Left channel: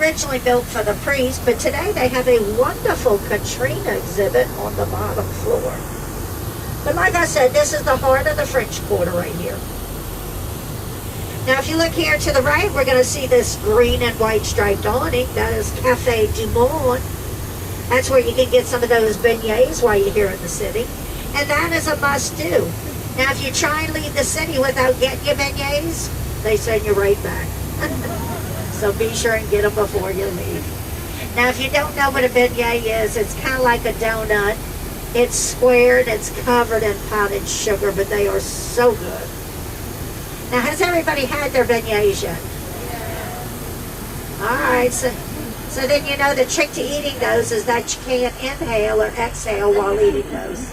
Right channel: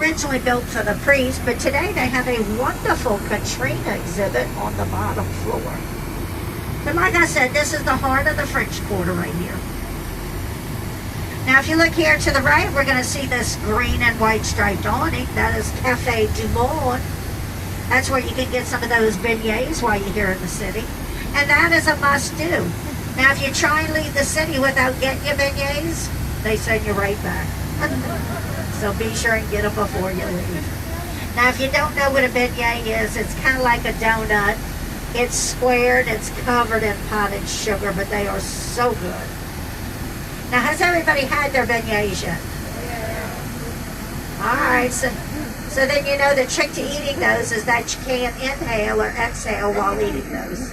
originally built for the priest, but today they have a wonderful Katrina exhibit on the bottom floor. But like I said, this is the heart of the French Quarter right here. Now, if you look here to the right, we're going to see this green and white striped awning. That is Café du Monde. That's where you can get some of those beignets while you're here in the city. And that is a must-do. Now, if you try and leave the city without getting your beignets, they send you right back. So be sure and get them before you leave. Now, if you don't know what a beignet is, it's kind of like a donut. It's squared, it's covered in potted sugar, but they are so good. Now, has everybody had their beignets yet? All right, so then you know the trick to eating those is that you can't inhale or exhale while eating those.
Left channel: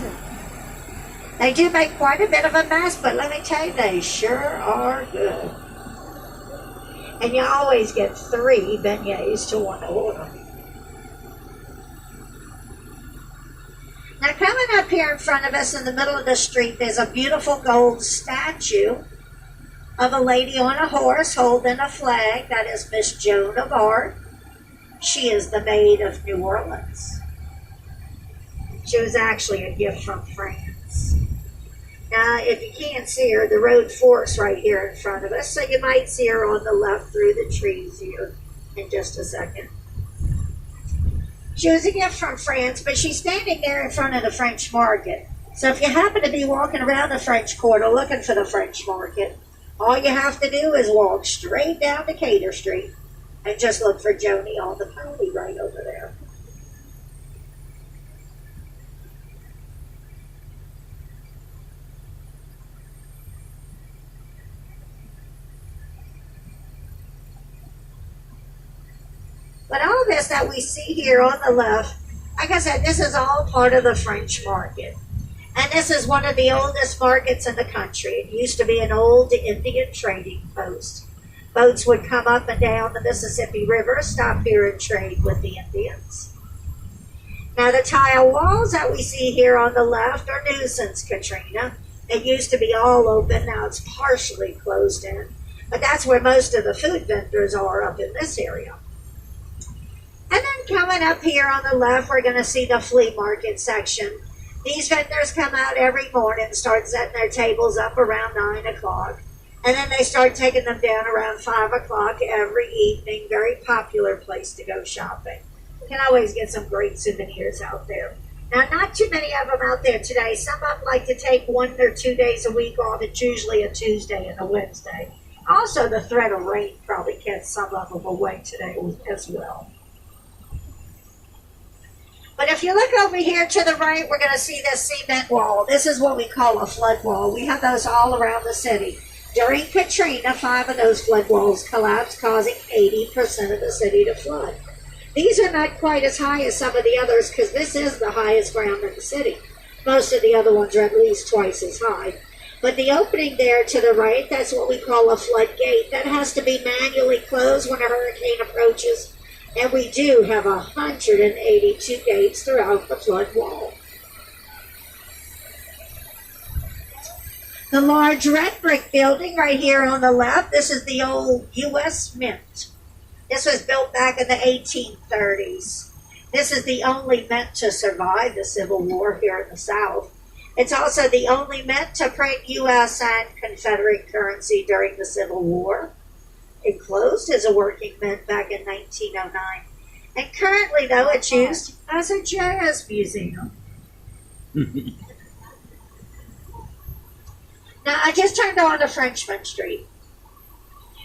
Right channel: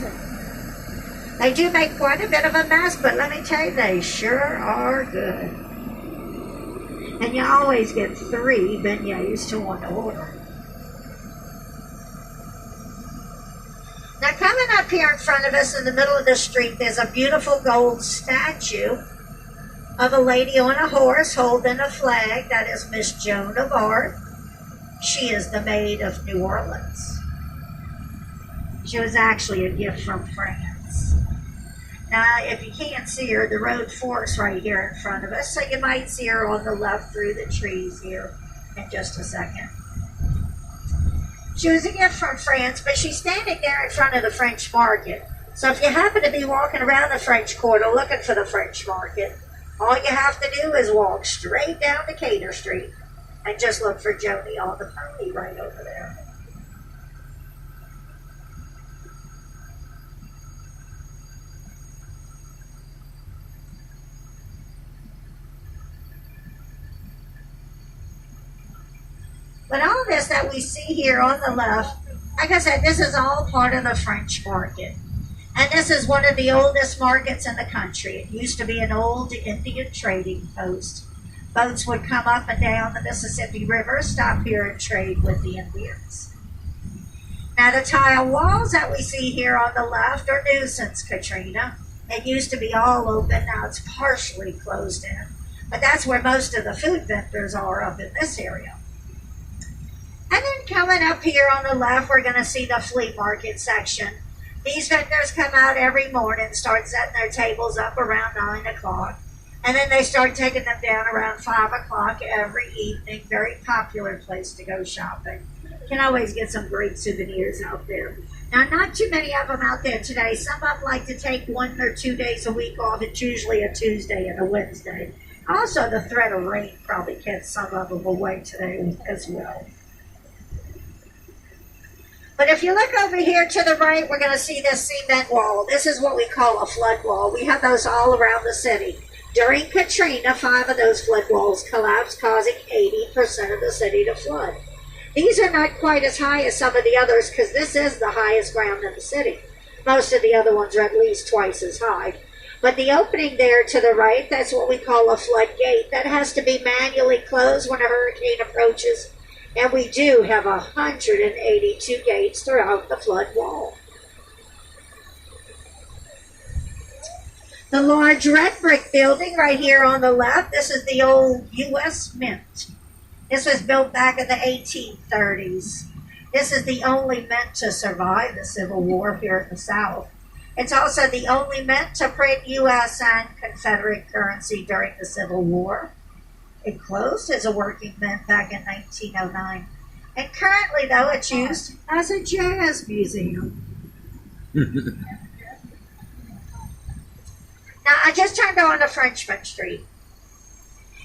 They do make quite a bit of a mess, but let me tell you, they sure are good. And you always get 3 beignets to 1 order. Now, coming up here in front of us in the middle of the street, there's a beautiful gold statue of a lady on a horse holding a flag. That is Miss Joan of Arc. She is the Maid of New Orleans. She was actually a gift from France. Now, if you can't see her, the road forks right here in front of us, so you might see her on the left through the trees here in just a second. She was a gift from France, but she's standing there in front of the French market. So if you happen to be walking around the French Quarter looking for the French market, all you have to do is walk straight down to Cater Street and just look for Joni on the pony right over there. But all this that we see here on the left, like I said, this is all part of the French market. And this is one of the oldest markets in the country. It used to be an old Indian trading post. Boats would come up and down the Mississippi River, stop here and trade with the Indians. Now, the tile walls that we see here on the left are new since Katrina. It used to be all open, now it's partially closed in. But that's where most of the food vendors are up in this area. And then coming up here on the left, we're going to see the flea market section. These vendors come out every morning, start setting their tables up around 9 o'clock. And then they start taking them down around 5 o'clock every evening. Very popular place to go shopping. You can always get some great souvenirs out there. Now, not too many of them out there today. Some of them like to take 1 or 2 days a week off. It's usually a Tuesday and a Wednesday. Also, the threat of rain probably kept some of them away today as well. But if you look over here to the right, we're going to see this cement wall. This is what we call a flood wall. We have those all around the city. During Katrina, 5 of those flood walls collapsed, causing 80% of the city to flood. These are not quite as high as some of the others because this is the highest ground in the city. Most of the other ones are at least twice as high. But the opening there to the right, that's what we call a floodgate. That has to be manually closed when a hurricane approaches. And we do have 182 gates throughout the flood wall. The large red brick building right here on the left, this is the old U.S. Mint. This was built back in the 1830s. This is the only mint to survive the Civil War here in the South. It's also the only mint to print U.S. and Confederate currency during the Civil War. It closed as a working mint back in 1909. And currently, though, it's used as a jazz museum. Now, I just turned on to Frenchman Street.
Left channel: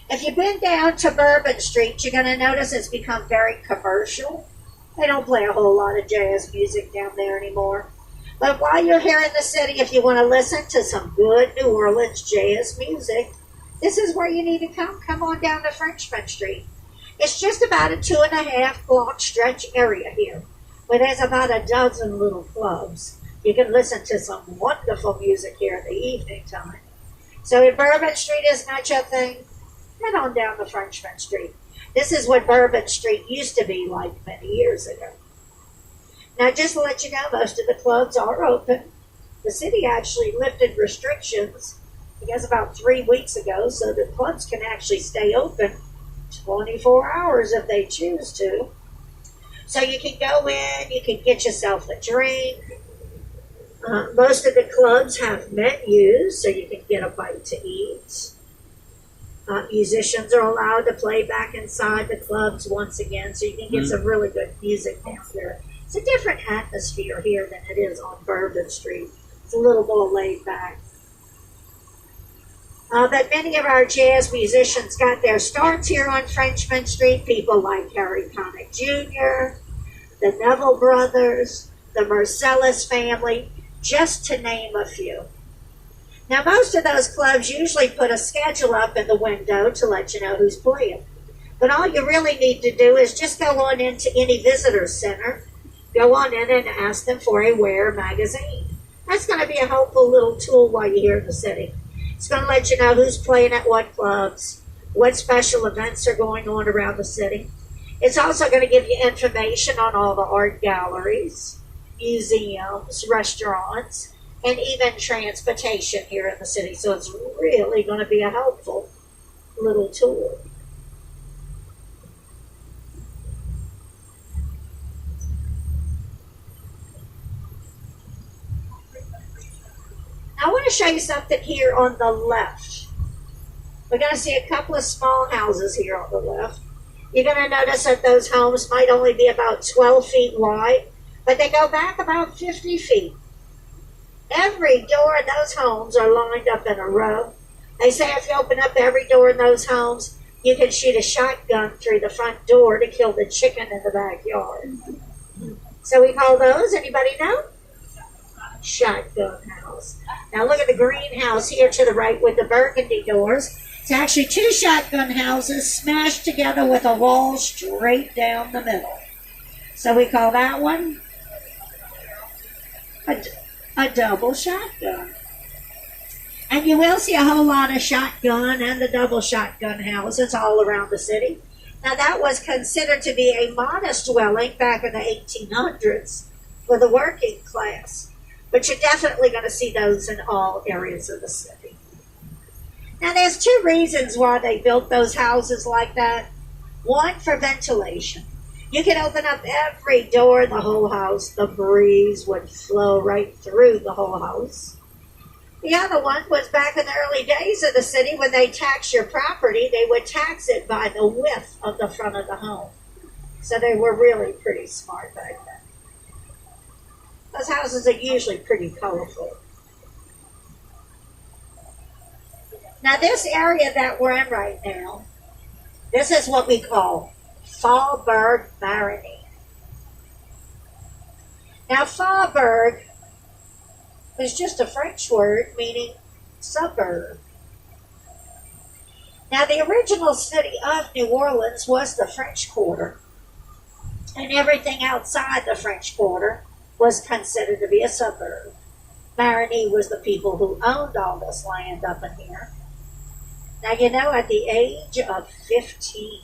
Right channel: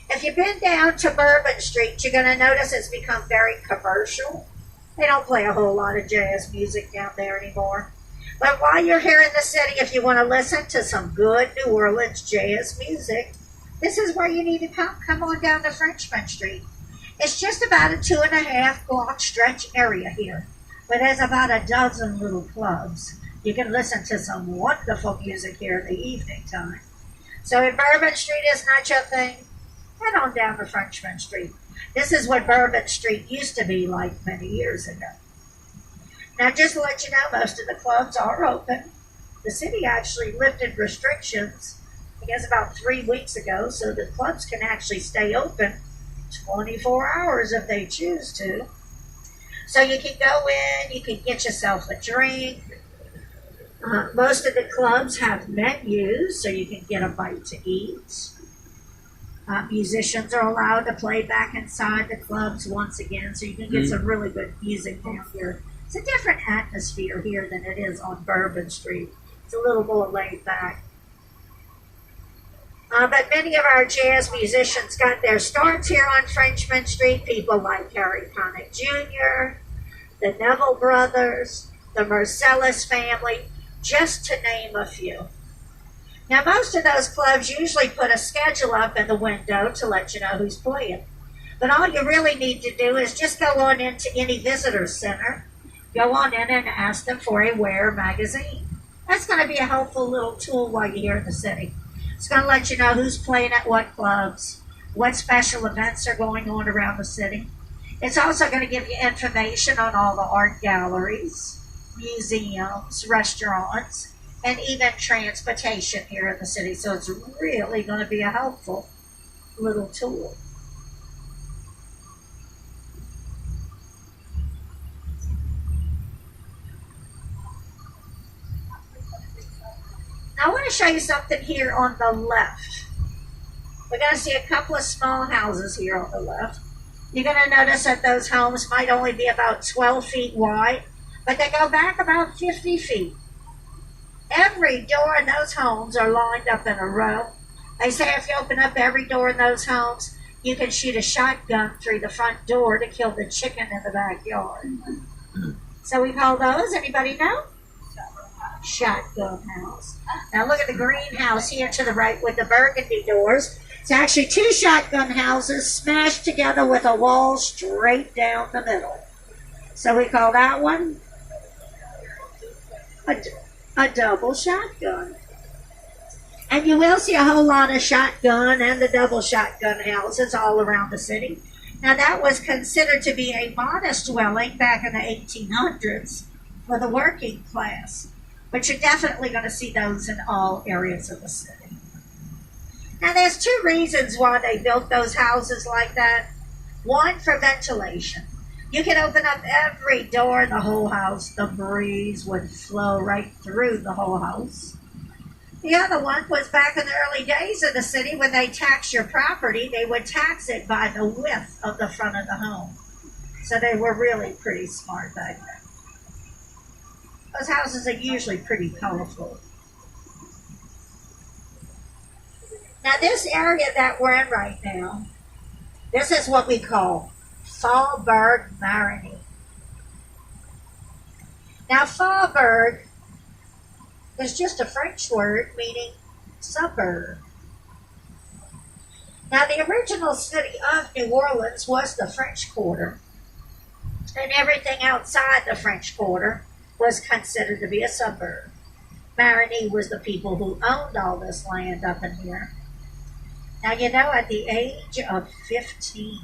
If you've been down to Bourbon Street, you're going to notice it's become very commercial. They don't play a whole lot of jazz music down there anymore. But while you're here in the city, if you want to listen to some good New Orleans jazz music, this is where you need to come. Come on down to Frenchman Street. It's just about a 2.5 block stretch area here, where there's about a dozen little clubs. You can listen to some wonderful music here in the evening time. So if Bourbon Street is not your thing, head on down to Frenchman Street. This is what Bourbon Street used to be like many years ago. Now, just to let you know, most of the clubs are open. The city actually lifted restrictions, I guess about 3 weeks ago, so the clubs can actually stay open 24 hours if they choose to. So you can go in, you can get yourself a drink. Most of the clubs have menus, so you can get a bite to eat. Musicians are allowed to play back inside the clubs once again, so you can get some really good music down here. It's a different atmosphere here than it is on Bourbon Street. It's a little more laid back. But many of our jazz musicians got their starts here on Frenchman Street. People like Harry Connick Jr., the Neville Brothers, the Marcellus family, just to name a few. Now, most of those clubs usually put a schedule up in the window to let you know who's playing. But all you really need to do is just go on into any visitor center, go on in and ask them for a Where magazine. That's going to be a helpful little tool while you're here in the city. It's going to let you know who's playing at what clubs, what special events are going on around the city. It's also going to give you information on all the art galleries, museums, restaurants, and even transportation here in the city. So it's really going to be a helpful little tool. Now I want to show you something here on the left. We're going to see a couple of small houses here on the left. You're going to notice that those homes might only be about 12 feet wide, but they go back about 50 feet. Every door in those homes are lined up in a row. They say if you open up every door in those homes, you can shoot a shotgun through the front door to kill the chicken in the backyard. So we call those, anybody know? Shotgun house. Now look at the greenhouse here to the right with the burgundy doors. It's actually two shotgun houses smashed together with a wall straight down the middle. So we call that one a double shotgun. And you will see a whole lot of shotgun and the double shotgun houses all around the city. Now that was considered to be a modest dwelling back in the 1800s for the working class. But you're definitely going to see those in all areas of the city. Now there's two reasons why they built those houses like that. One, for ventilation. You can open up every door in the whole house. The breeze would flow right through the whole house. The other one was back in the early days of the city when they taxed your property, they would tax it by the width of the front of the home. So they were really pretty smart back then. Those houses are usually pretty colorful. Now this area that we're in right now, this is what we call Faubourg Marigny. Now Faubourg is just a French word meaning suburb. Now the original city of New Orleans was the French Quarter, and everything outside the French Quarter was considered to be a suburb. Marigny was the people who owned all this land up in here. Now, you know, at the age of 15,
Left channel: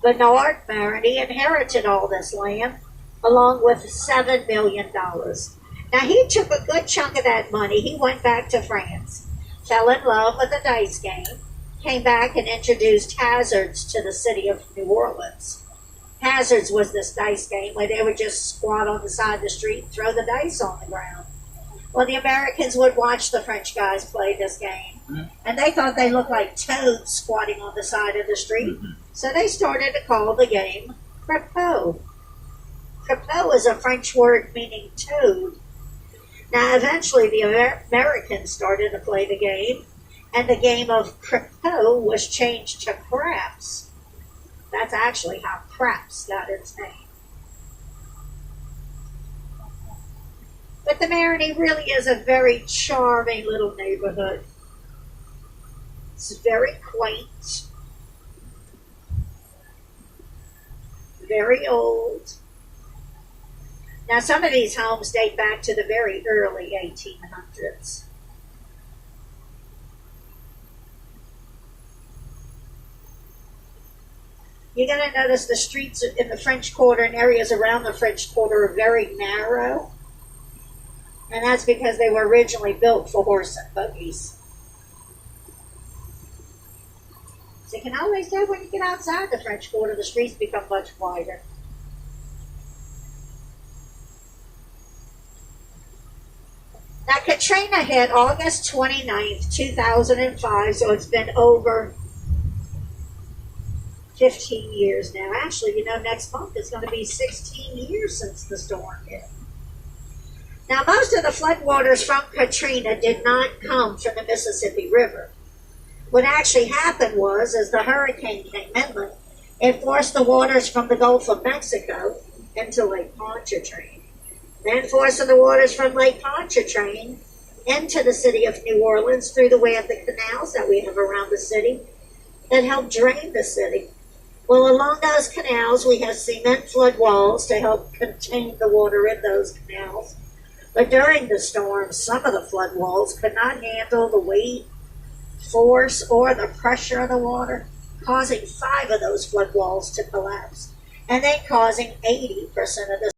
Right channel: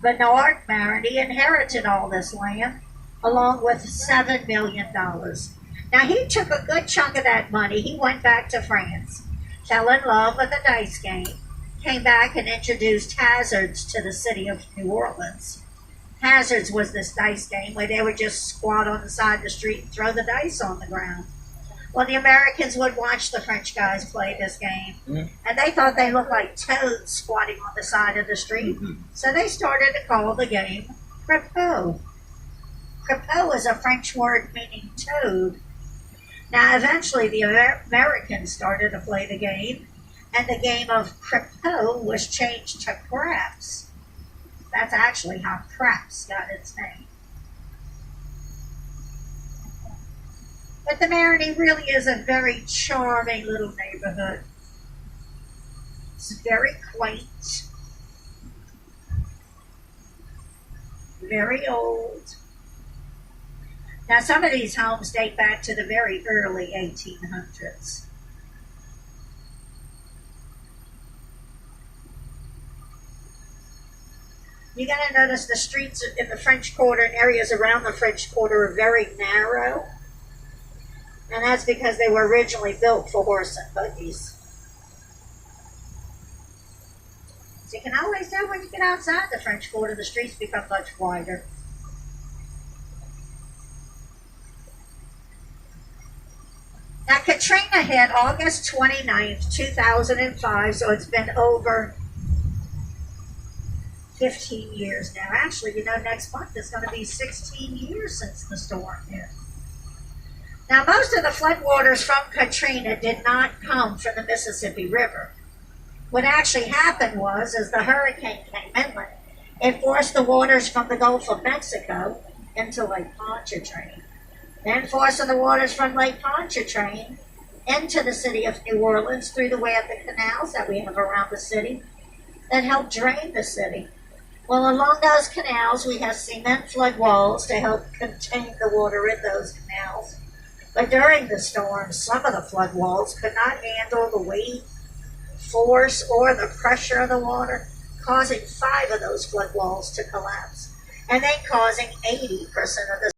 Bernard Marigny inherited all this land along with $7 million. Now, he took a good chunk of that money. He went back to France, fell in love with the dice game, came back and introduced hazards to the city of New Orleans. Hazards was this dice game where they would just squat on the side of the street and throw the dice on the ground. Well, the Americans would watch the French guys play this game, and they thought they looked like toads squatting on the side of the street. So they started to call the game Crapeau. Crapeau is a French word meaning toad. Now, eventually, the Americans started to play the game, and the game of Crapeau was changed to craps. That's actually how craps got its name. But the Marigny really is a very charming little neighborhood. It's very quaint, very old. Now, some of these homes date back to the very early 1800s. You're going to notice the streets in the French Quarter and areas around the French Quarter are very narrow. And that's because they were originally built for horse and buggies. So you can always tell when you get outside the French Quarter, the streets become much wider. Now, Katrina hit August 29th, 2005, so it's been over 15 years now. Actually, next month is going to be 16 years since the storm hit. Now, most of the floodwaters from Katrina did not come from the Mississippi River. What actually happened was, as the hurricane came inland, it forced the waters from the Gulf of Mexico into Lake Pontchartrain. Then forcing the waters from Lake Pontchartrain into the city of New Orleans through the way of the canals that we have around the city that help drain the city. Well, along those canals, we have cement flood walls to help contain the water in those canals. But during the storm, some of the flood walls could not handle the weight, force, or the pressure of the water, causing 5 of those flood walls to collapse, and then causing 80% of the